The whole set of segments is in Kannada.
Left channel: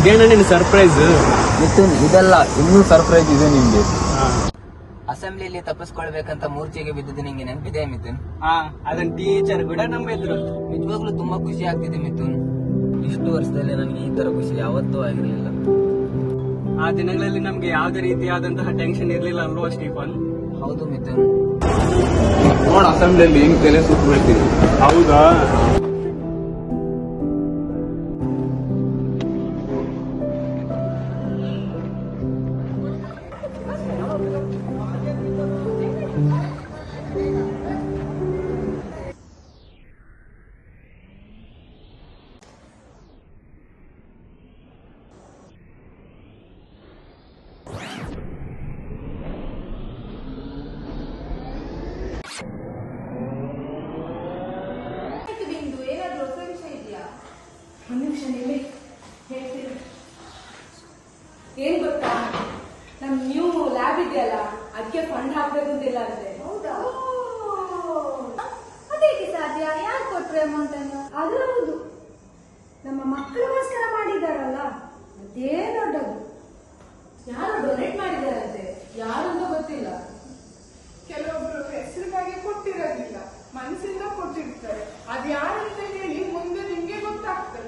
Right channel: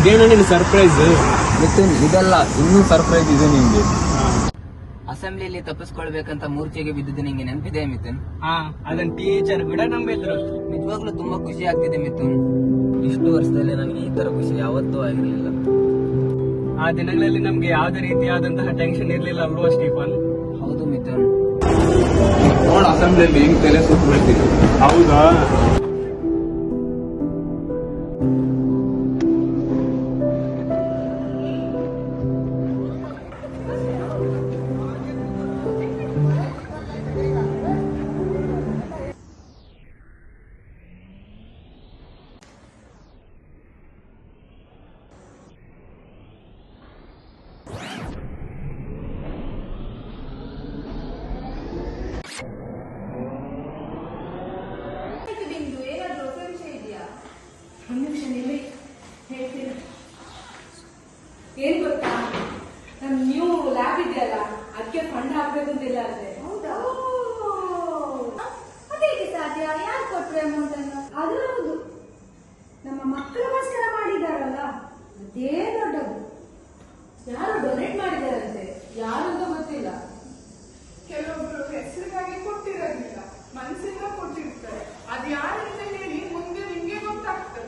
ಇದೇನ ನಿನ್ ಸರ್ಪ್ರೈಸ್? ಮಿಥುನ್, ಇದೆಲ್ಲ ಇನ್ನೂ ಸರ್ಪ್ರೈಸ್ ಇದೆ ನಿಮ್ಗೆ. ಅಸೆಂಬ್ಲಿಯಲ್ಲಿ ತಪ್ಪಿಸ್ಕೊಳ್ಬೇಕಂತ ಮೂರ್ಛೆಗೆ ಬಿದ್ದಿದ್ದು ನಿಂಗೆ ನೆನಪಿದೆ ಮಿಥುನ್? ಅದನ್ನ ಟೀಚರ್ ಕೂಡ ನಂಬಿದ್ರು. ನಿಜವಾಗ್ಲೂ ತುಂಬಾ ಖುಷಿ ಆಗ್ತಿದೆ ಮಿಥುನ್. ಇಷ್ಟು ವರ್ಷದಲ್ಲಿ ನನಗೆ ಈ ತರ ಖುಷಿ ಯಾವತ್ತೂ ಆಗಿರ್ಲಿಲ್ಲ. ಆ ದಿನಗಳಲ್ಲಿ ನಮ್ಗೆ ಯಾವುದೇ ರೀತಿಯಾದಂತಹ ಟೆನ್ಷನ್ ಇರ್ಲಿಲ್ಲ ಅಲ್ವಾ ಸ್ಟೀಫನ್? ಹೌದು ಮಿಥುನ್. ನೋಡ ಅಸೆಂಬ್ಲಿಯಲ್ಲಿ ಹೆಂಗ್ ತಲೆ ಸುತ್ತ ಬಿಡ್ತೀವಿ. ಹೌದಾ? ಏನ್ ಗೊತ್ತಾ, ನಮ್ ನ್ಯೂ ಲ್ಯಾಬ್ ಇದೆಯಲ್ಲ, ಅದಕ್ಕೆ ಫಂಡ್ ಹಾಕ್ಬೇಕು ಅಂತಿಲ್ಲ ಅಂದ್ರೆ. ಹೌದಾ? ಅದೇಗೆ ಸಾಧ್ಯ? ಯಾರು ಕೊಟ್ರೆ ಅಮೌಂಟ್ ಅನ್ನು? ಅದು ಹೌದು, ನಮ್ಮ ಮಕ್ಕಳಿಗೋಸ್ಕರ ಮಾಡಿದಾರಲ್ಲ, ಅದೇ ದೊಡ್ಡದು. ಯಾರು ಡೊನೇಟ್ ಮಾಡಿದಾರಂತೆ, ಯಾರು ಅಂತ ಗೊತ್ತಿಲ್ಲ. ಕೆಲವೊಬ್ರು ಹೆಸರಿಗಾಗಿ ಕೊಟ್ಟಿರೋದಿಲ್ಲ, ಮನಸ್ಸಿಂದ ಕೊಟ್ಟಿರ್ತಾರೆ. ಅದು ಯಾರಂತ ಹೇಳಿ ಮುಂದೆ ನಿಮ್ಗೆ ಗೊತ್ತಾಗ್ತದೆ.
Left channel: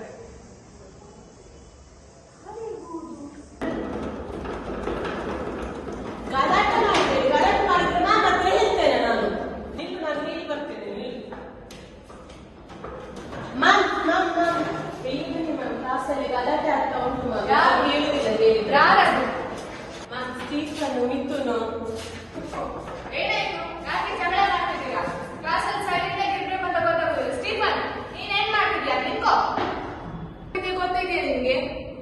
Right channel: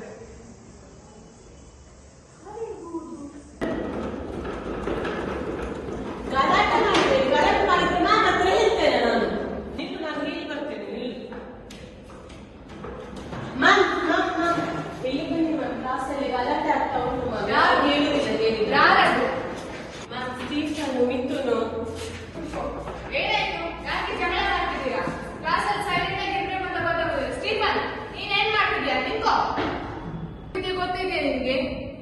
ಗೊತ್ತಿದೆ ನಿಮ್ಗೆ?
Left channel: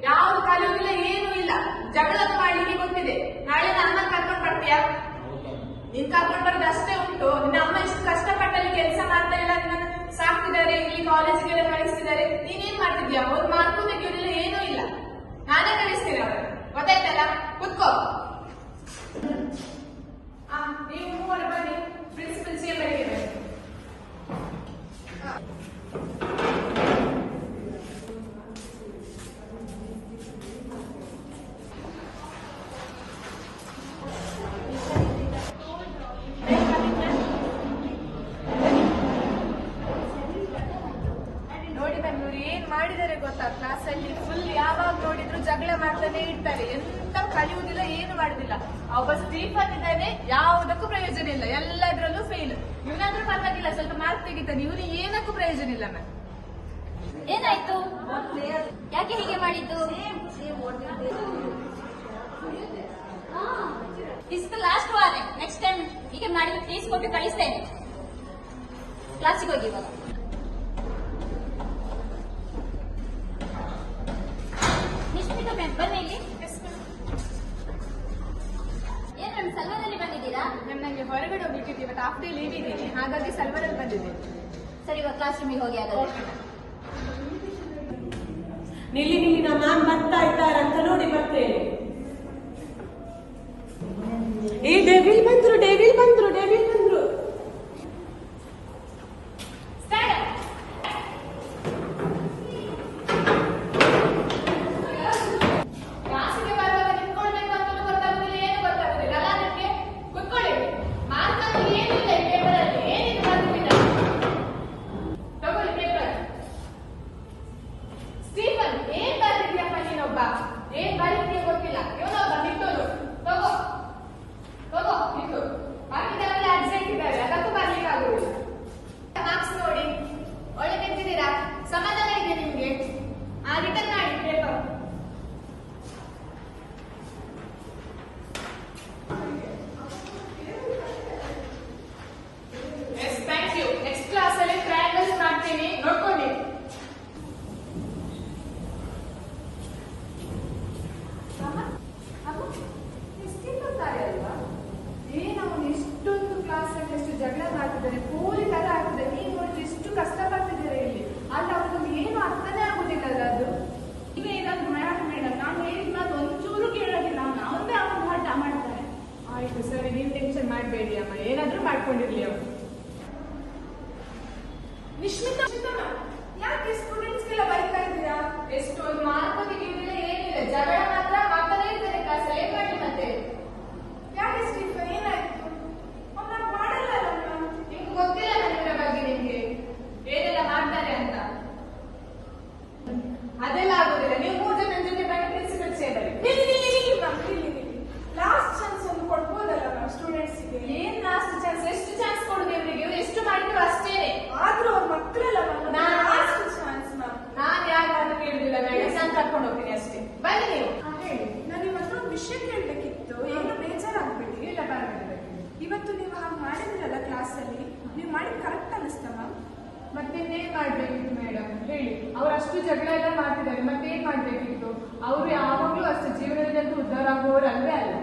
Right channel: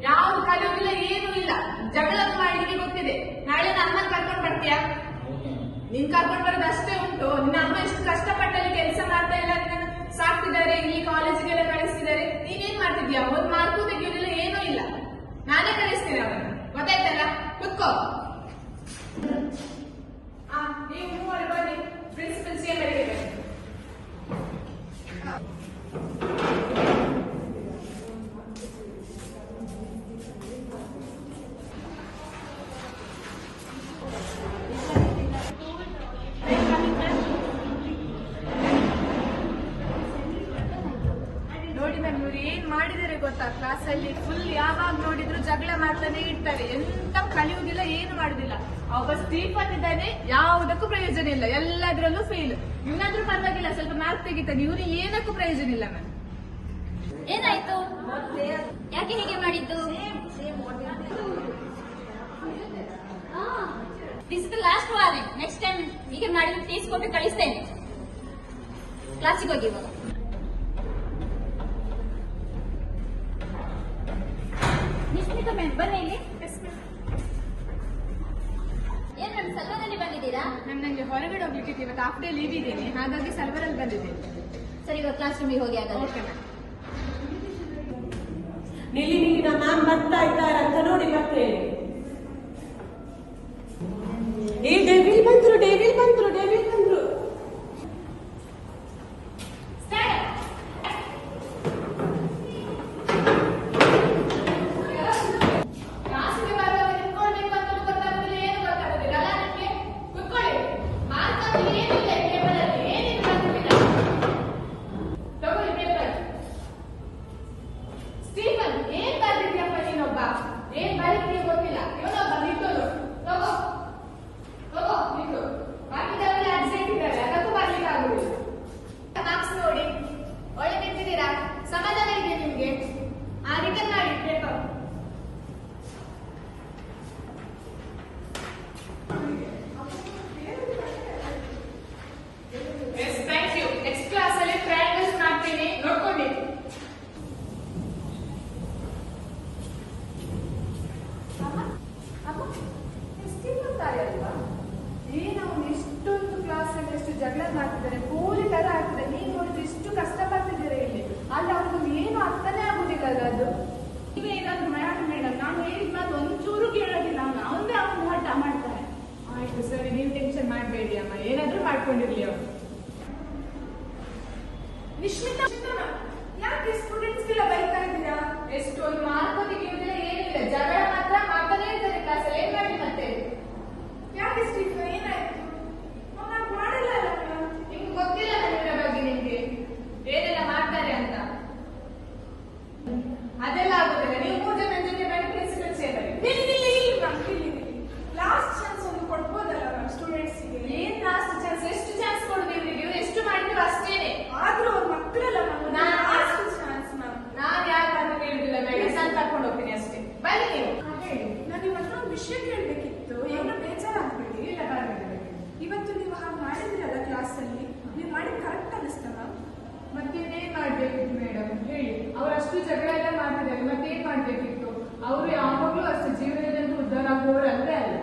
ಯಾವ್ದು ಕಲಿಯೋದಿಲ್ಲ, ಏನೂ ಇಲ್ಲ. ಜಗಳ ಮಾಡ್ಲಿಕ್ಕೆ ಗೊತ್ತಿದೆ. ನಾಳೆ ನನ್ನ ಕರ್ಕೊಂಡ್ ಬರ್ತೀಯಾ? ನಿನ್ ಕರ್ಕೊಂಡ್ ಬರೋದು ಅಷ್ಟೇ ಉಂಟು. ನಿನ್ನ ಅಮ್ಮ ಇಷ್ಟು ಕಷ್ಟಪಟ್ಟಲ್ಲಿ ಕೆಲಸ ಮಾಡ್ತಾ ಇಲ್ಲ, ನಿನ್ನ ಸಾಕ್ತಿದ್ದಾರೆ, ಈ ಕಾಲೇಜಿಗೆಲ್ಲ ಕಳಿಸ್ತಿದ್ದಾರೆ. ನೀನೇನ್ ಮಾಡ್ತಿದ್ಯಾ? ಒಂದ್ ಮಾರ್ಕು ತೆಗಿಯೋದಿಲ್ಲ, ಏನೂ ಇಲ್ಲ. ನಾನೇ ಕಳಿಸ್ತೀನಿ ಅವ್ರನ್ನ, ಗೊತ್ತಾಯ್ತಲ್ಲ? ಕುತ್ಕೋ. ನೀವು ಮೂವರು ಬನ್ನಿ, ಪ್ರಿನ್ಸಿಪಲ್ ಚೇಂಬರ್ಗೆ ಬನ್ನಿ. ನೋಡಿ ನನ್ನೂರು ಏನ್ ಮಾಡಿದ್ದಾರೆ ಗೊತ್ತಾ? ಕ್ಲಾಸ್ ಅಲ್ಲಿ ಫುಲ್ ಯಾವಾಗ ನೋಡಿದ್ರು ಜಗಳ ಮಾಡ್ತಾನೆ ಇರ್ತಾರೆ. ಎಂತ ಕಲಿಯುವುದಿಲ್ಲ, ಏನು ಮಾಡುದಿಲ್ಲ. ಒಬ್ಬ ಸ್ಟೀಫನ್ ಇದ್ದಾನೆ, ಯಾವುದಕ್ಕೂ ಪ್ರಯೋಜನ ಇಲ್ಲ, ಎಲ್ಲದ್ರಲ್ಲೂ ಫೇಲ್. ಇವನಾದ್ರೂ ಪರವಾಗಿಲ್ಲ, ಸ್ವಲ್ಪ ಮಾರ್ಕ್ ತೆಗಿತಾನೆ. ಇವ್ರು ಏನಕ್ಕೂ ಪ್ರಯೋಜನ ಇಲ್ಲ. ನಾನು ಏನಾಯ್ತು? ಯಾಕೆ ಹೀಗೆ ಮಾಡಿದ್ದು? This is the last warning. Next time ಈಗ ಮಾಡಿದ್ರೆ ಫೀಸ್ ಕೊಟ್ಟು ಕಳಿಸ್ತೇನೆ. ಕ್ಲಾಸಿಗೆ ಹೋಗಿ ಇವಾಗ. ನಿಶ್ಮಿತಾ ಮ್ಯಾಮ್ ಬನ್ನಿ ಇಲ್ಲಿ. ಏನ್ ಮ್ಯಾಮ್ ಸಲ್ವಾರಲ್ಲಿ ಬಂದಿದ್ದೀರಾ? ಮ್ಯಾಮ್ ನಂಗೆ ಹೊರಗಡೆ ಹೋಗ್ಲಿಕ್ಕೆ ಇವತ್ತು ಹಾಫ್ ಡೇ ಲೀವ್ ಇದ್ದೀನಿ, ಹಾಗಾಗಿ ಸಲ್ವಾರಲ್ಲಿ ಬಂದಿದ್ದೇನೆ. ಸರಿ, ಇವಾಗ ಕ್ಲಾಸ್ ರೂಮಿಗೆ ಹೋಗಿ ಆಗೋದು. ನಿಲ್ಲಿ ನಮ್ಮ ಮ್ಯಾಮ್ ಬರ್ತಾ ಇದ್ದಾರಂತ ನೋಡಿ ಬರ್ತೇನೆ. ಏ ಡೆವಿಲ್ ಬಂದ್ರು, ಡೆವಿಲ್ ಬಂದ್ರು, ಡೆವಿಲ್ ಬಂದ್ರು. ಕ್ಲಾಸಿಗೆ ಬರುವಾಗ ನಿಂತ್ಕೊಳ್ಬೇಕು ಅಂತ ಗೊತ್ತಾಗುದಿಲ್ಲ, ಏನು ಗೊತ್ತಾಗುದಿಲ್ಲ ಅಲ್ಲ ನನಗೆ? ಕುತ್ಕೊಳ್ಳಿ. ಮಾರ್ಕ್ ಏನಿಲ್ಲ ಈ ಪೇಪರ್ ಅಲ್ಲಿ, ಏನಿದೆ ಗೊತ್ತಿಲ್ಲ. ತಗೊಳ್ಳಿ ಪೇಪರ್. ಸ್ಟೀಫನ್, ಏನ್ ಬರ್ತಿದ್ಯಪ್ಪ ನೀನೊಬ್ಬ? ಏನ್ ಬರೀತೀಯ ಗೊತ್ತಿಲ್ಲ. ಇವನೊಬ್ಬ ನಿಂತೋನು. ತಗೋ ತಗೋ ನಿಂತು. ಬಾಕಿದವರೆಲ್ಲ ಅರ್ಜೆಂಟ್ ಇದ್ದಾರೆ, ಅದಕ್ಕೂ ಬರ್ಲಿಕ್ಕೆ ಆಗುದಿಲ್ಲ. ಮಾರ್ಕ್ಸ್ ನೋಡಿ, ಒಳ್ಳೆ ತೆಗ್ದಿದ್ದೀರಾ? ಸಮಾಧಾನ ಇದೆ ನಿಮ್ಗೆ? ರಿಟರ್ನ್ ಮಾಡಿ paper. Thank you. Next class ಅಲ್ಲಿ ಟ್ರಯಾಂಗಲ್ಸ್ ಮಾಡ್ತೀನಿ, ನೋಡ್ಕೊಳ್ಳಿ. ಅಲ್ವಾ? ಏನವನು ಇಷ್ಟೊಂದು ಕ್ಲಾಸ್ ಅಲ್ಲಿ ಎಷ್ಟು ಜಗಳ ಮಾಡ್ತಿದ್ದಾನೆ, ಪೂರಿ ತರ ಆಗ್ತದೆ. ನೀನ್ ನೋಡಿದ್ರೆ ಎಷ್ಟು ಕಷ್ಟ ಪಡ್ತಿದ್ದೀರಾ ಇಲ್ಲಿ. ಅಲ್ಲಿ ಅವ್ರಿಗೊಂದು ಏನು ಅರ್ಥನೇ ಆಗುದಿಲ್ಲ ಅಲ್ಲ ಅದು. ನೀವೇ ಏನಾದ್ರು ಮೇಡಮ್, ನಾನು ಹೇಳಿದ ಮಾತು ಒಂಚೂರು ಕೇಳೋದಿಲ್ಲ. ಅವನದೇ ಅವನು ಹಠ ಮಾಡ್ತಾನೆ. ಆಯ್ತು ಸರಿ, ನೀವು ಟೆನ್ಷನ್ ಮಾಡಬೇಡಿ ಅಮ್ಮ, ಏನಾದ್ರೂ ಮಾಡ್ಕೊಂಡಿರ್ಲಿ ಅವನು. ನಿಶ್ಮಿತಾ, ಯಾಕೆ ಸ್ಟೂಡೆಂಟ್ಸ್ ಎಲ್ಲ ಬೈತಾ ಇದ್ದೀರಾ? ಎಷ್ಟೊಂದು ಮಾರ್ಕ್ ತೆಗೆಯುವುದಿಲ್ಲ, ಏನಿಲ್ಲ, ಜಗಳ ಮಾತ್ರ ಮಾಡ್ತಾನೆ ಇರ್ತಾರೆ ಕ್ಲಾಸಲ್ಲಿ. ಏನ್ ಮಾಡಿ ಮತ್ತೆ? ಯಾಕೆ ಸ್ಟೀಫನ್, ಏನಾಯ್ತು? ಅವ್ನ ಮಾಡಲ್ಲ ಅಲ್ಲ. ನಿಮ್ಗೆ ಗೊತ್ತಿಲ್ಲ ನನ್ನ ಬಗ್ಗೆ, ನಿಮ್ಗೆ ಏನೆಲ್ಲ ಮಾಡ್ತಾರೆ ಅಂತ. ಅದೆಲ್ಲ ಆಗೋದಿಲ್ಲ. ನೀವು 3 ಜನ ಜೊತೆ ಪ್ರಿನ್ಸಿಪಲ್ ಸೇರಲಿ. ಲಾಸ್ಟ್ ಚಾನ್ಸ್ ಒಂದು ಕೊಡ್ಬೋದಲ್ಲ ಮ್ಯಾಮ್ ಸ್ಟೂಡೆಂಟ್ಸ್ಗೆ? ಏನ್ ಲಾಸ್ಟ್ ಚಾನ್ಸ್? ಎಷ್ಟು ಚಾನ್ಸ್ ಕೊಡುದು ಇವರಿಗೆ? ಎಷ್ಟು ಮಾಡಿದ್ರು ಅಷ್ಟೇನೆ. ಆದ್ರೂ ಅವ್ರ ಮಕ್ಕಳೆಲ್ಲ ನಾನು ಲಾಸ್ಟ್ ಚಾನ್ಸ್ ಮ್ಯಾಮ್. ನಾನ್ ಯಾಕೆ ಅಂತ ಕೇಳಿಲ್ಲ ಮೇಡಮ್, ನಾನು ಕರ್ಕೊಂಡು ಹೋಗ್ತೀನಿ ಅಷ್ಟೇ. ಬನ್ನಿ ನೀವು. ಹೇಳಿ, ನಾನು ನಿಮ್ಮ ಹತ್ರ ಒಂದು ವಿಷಯ ಕೇಳಬೇಕಿತ್ತು. ಏನು ಬೇಜಾರಾಗ್ಬೇಡಿ. ಇಲ್ಲ ಬರೋದಿಲ್ಲ. ಇವತ್ತು ನೀವು ಹಾಗೆ ಮಾಡಿದ್ರಲ್ಲ ಕ್ಲಾಸಲ್ಲಿ, ನೀವು ಮಾಡಿದ್ ಕರೆಕ್ಟ್ ಅನಿಸ್ತಾ ಮ್ಯಾಮ್? ಮತ್ತೇನ್ ಮಾಡ್ಬೇಕಿತ್ತು ಮೇಡಮ್ ಹೇಳಿ? ಅವರಷ್ಟು ಜಗಳ ಎಲ್ಲ ಮಾಡ್ತಿದ್ದಾರೆ, ಮತ್ತೇನ್ ಮಾಡ್ಬೇಕಿತ್ತು? ಅವರು ಯಾವಾಗ್ಲೂ ಅಷ್ಟೇ ಜೀವನದಲ್ಲಿ ಅಂತ ಉದ್ಧಾರ ಆಗುವವರು ಅಲ್ವೇ ಅಲ್ಲ.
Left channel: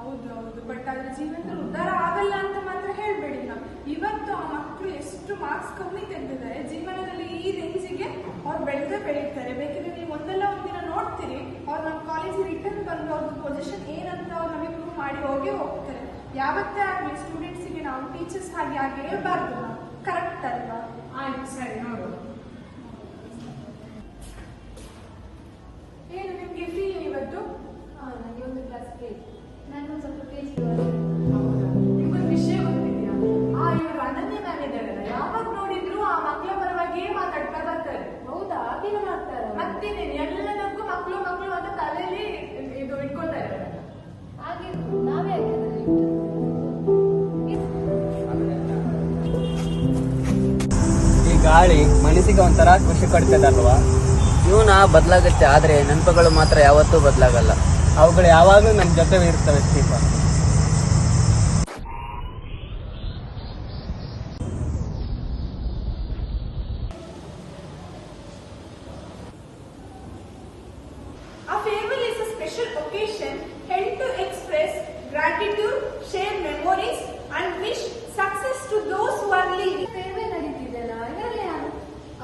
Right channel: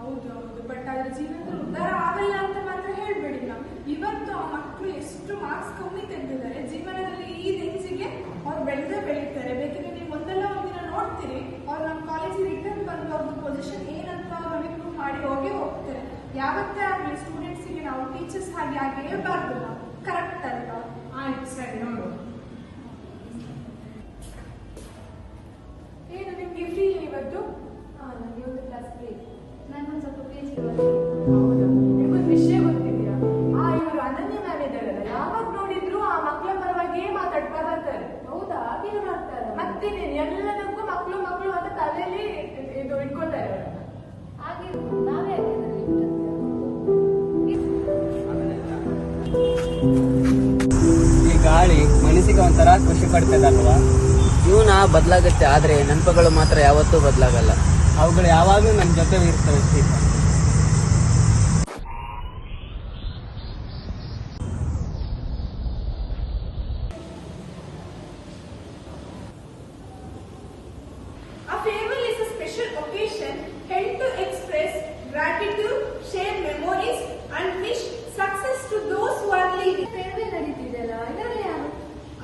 ಹೌದು, ಬಟ್ ಅದ್ರ ಜೀವನದಲ್ಲಿ ಉದ್ಧಾರ ಆಗಲ್ಲ ಅಂತ ಮಾತ್ರ ಹೇಳ್ಬೇಡಿ ಮ್ಯಾಮ್. ಇವತ್ತು ಆ ಮಕ್ಕಳು ಎಷ್ಟು ಮಾರ್ಕ್ಸ್ ಕಮ್ಮಿ ತೆಗೆದಿದ್ದಾರೆ, ಜೀವನದಲ್ಲಿ ಈ ರೇಂಜಿಗೆ ಅವ್ರು ಬೆಳೀತಾರೆ. ಬೇಕಿದ್ರೆ ನೀವು ಒಂದಲ್ಲ ಒಂದಿನ ನೋಡ್ತೀರಿ, ಅವ್ರು ನಮ್ಮ ಕಾಲೇಜಿಗೆ ರಿಟರ್ನ್ ಬಂದು ಅವ್ರ ಪೊಸಿಷನ್ ಏನಂತ ಅವ್ರು ನಮಗೆ ಪ್ರೂವ್ ಮಾಡಿ ಹೋಗ್ತಾರೆ. ಯಾವತ್ತೇ ಆಗಲಿ ಸ್ಟೂಡೆಂಟ್ಸಿಗೆ ನಾವು ಟೀಚರ್ಸ್ ಹಾಗೆ ಆಗಿರಬಾರ್ದು ಮ್ಯಾಮ್. ಕರೆಕ್ಟ್ ಅಲ್ವಾ? ಆಯ್ತು, ಸರಿ, ನೋಡು. ಏನು ನಿಮ್ಗೆ ಫ್ರೀ ಇವತ್ತು? ನನಗೆ ಒಂದು ಕ್ಲಾಸ್ ಫ್ರೀ. ನನ್ನೊಂದು ಸ್ವಲ್ಪ ಪೇಜ್ ಹೌದಾ? ನಿಮ್ಗೊಂದು ವಿಷಯ ಗೊತ್ತಿದೆಯಾ? ಇವರು ಅನನ್ಯ ಮ್ಯಾಮ್ ಇದ್ದಾರಲ್ಲ, ಯಾವಾಗ ನೋಡಿದ್ರು ಆ ಮಕ್ಕಳ ಪರವಾಗಿಯೇ ಮಾತಾಡ್ತಾ ಬರ್ತಾರೆ. ಹೌದಾ? ಹಾಗೆ ಮಾಡ್ತಾರೆ. ಮತ್ತೆ ಎಲ್ಲದಕ್ಕೂ ಮಕ್ಕಳು ಮಕ್ಕಳು ಅಂತ ತಲೆಯಲ್ಲಿ ಇದು ಇಟ್ಕೊಳ್ತಾರೆ ಅವರನ್ನ. ಹಾಗೆ ನಾವೇ ಈ ಗಾಳಿ ಮನಸ್ಸಿಗೆ ಒಂಥರ ಖುಷಿ ಕೊಡ್ತದಲ್ವಾ? ಜೀವನ ಬದಲಾಗುತ್ತೆ, ಆದ್ರೆ ನೆನಪುಗಳು ಮಾತ್ರ ಯಾವತ್ತೂ ಬದಲಾಗಲ್ಲ. ಅವುಗಳು ಯಾವಾಗಲೂ ನಮ್ಮ ಜೊತೆ ಇರ್ತವೆ Stephen. A farewell is a special occasion held to express gratitude, share memories, and wish success to those who are leaving. Farewell ನಡೀತಿದೆಯಲ್ಲ, ಇದರಲ್ಲಿ ಯಾರು?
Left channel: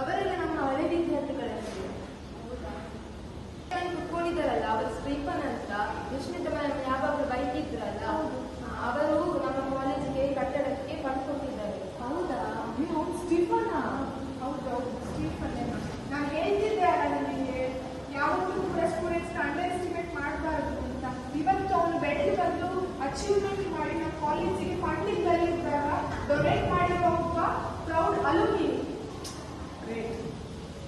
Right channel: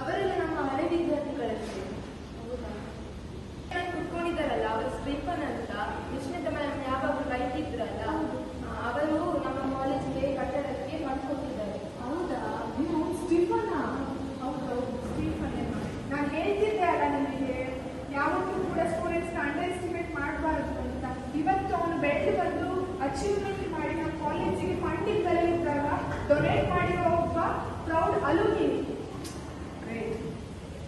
ಅವರೆಲ್ಲ ನಮ್ಮ ಹಳೆ ವಿದ್ಯಾರ್ಥಿಗಳಷ್ಟೇ. ಕುತ್ಕೊಂಡಿದ್ದಾರಲ್ಲ, ಅವರು ಸ್ಟೀಫನ್ ಅಂತ ವಿಷ್ಣುತ ಮ್ಯಾಮ್ ಯಾವಾಗಲೂ ಬೈತಿದ್ರಲ್ಲ, ಅವರು ನಮ್ಮ ಕಾಲೇಜಿಗೆ ಕಟ್ಟಡಕ್ಕೆ ಫಂಡ್ ಕೊಟ್ಟಿದ್ದಾರೆ. ಹೌದಾ? ನೀವು ಸ್ಟೀಫನ್? ಹೌದು, ಸ್ಟೀಫನ್. ನಾನು ಹೇಳ್ತಿದ್ದೆ ಅಲ್ಲ ನಿಮಗೆ, ಯಾವತ್ತೂ ಕೂಡ ಸ್ಟೂಡೆಂಟ್ಸ್ ಅಂಡರ್ ಎಸ್ಟಿಮೇಟ್ ಮಾಡಬಾರ್ದು ಅಂತ. ಇವತ್ತು ಅವನು ಬೆಳೆದು ಬಂದು ಅಚೀವ್ಮೆಂಟ್ ಮಾಡಿ ನಮ್ಮ ಕಾಲೇಜಿಗೆ ಫಂಡಿಂಗ್ ಬರೆಯುವಾಗ ಡೊನೇಟ್ ಮಾಡಿರೋ ಒಬ್ಬ ಪ್ರೌಡ್ ಅಲುಮಿನಿ.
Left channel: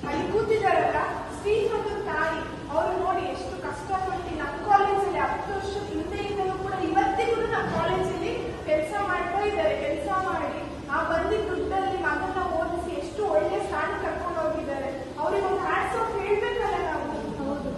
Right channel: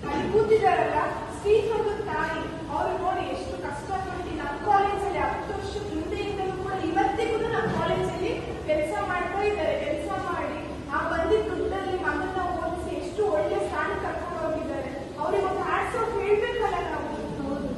ಅಲ್ಲಿ ಕೂತಿದ್ದಾರಲ್ಲ ಸ್ಟೀಫನ್ ತಾಯಿ, ಅವರು ನೋಡಿ ಎಷ್ಟು ಕಷ್ಟಪಟ್ಟು ನಮ್ಮ ಕಾಲೇಜಲ್ಲಿ 10 ವರ್ಷದ ಹಿಂದೆಯಿಂದಲೂ ಕೂಡ ಇವತ್ತಿಗೂ ನಮ್ಮ ಕಾಲೇಜಲ್ಲಿ ಕೆಲಸ ಮಾಡ್ಕೊಂಡಿದ್ದಾರೆ. ಕೆಲಸ ಮಾಡಿ ಆ ಬಂದಿದ್ದ ದುಡ್ಡಲ್ಲಿ ಮಗನ್ನ ಓದಿಸಿ ಎಷ್ಟು ಒಳ್ಳೆ ಸ್ಥಾನ ಕರ್ಕೊಂಡು ಹೋಗಿದ್ದಾರೆ. ಅವ್ರಿಗೆ ಒಂದು ಹ್ಯಾಟ್ಸ್ ಆಫ್ ಹೇಳ್ಬೇಕಲ್ಲ ನಾವು. ಹೌದು.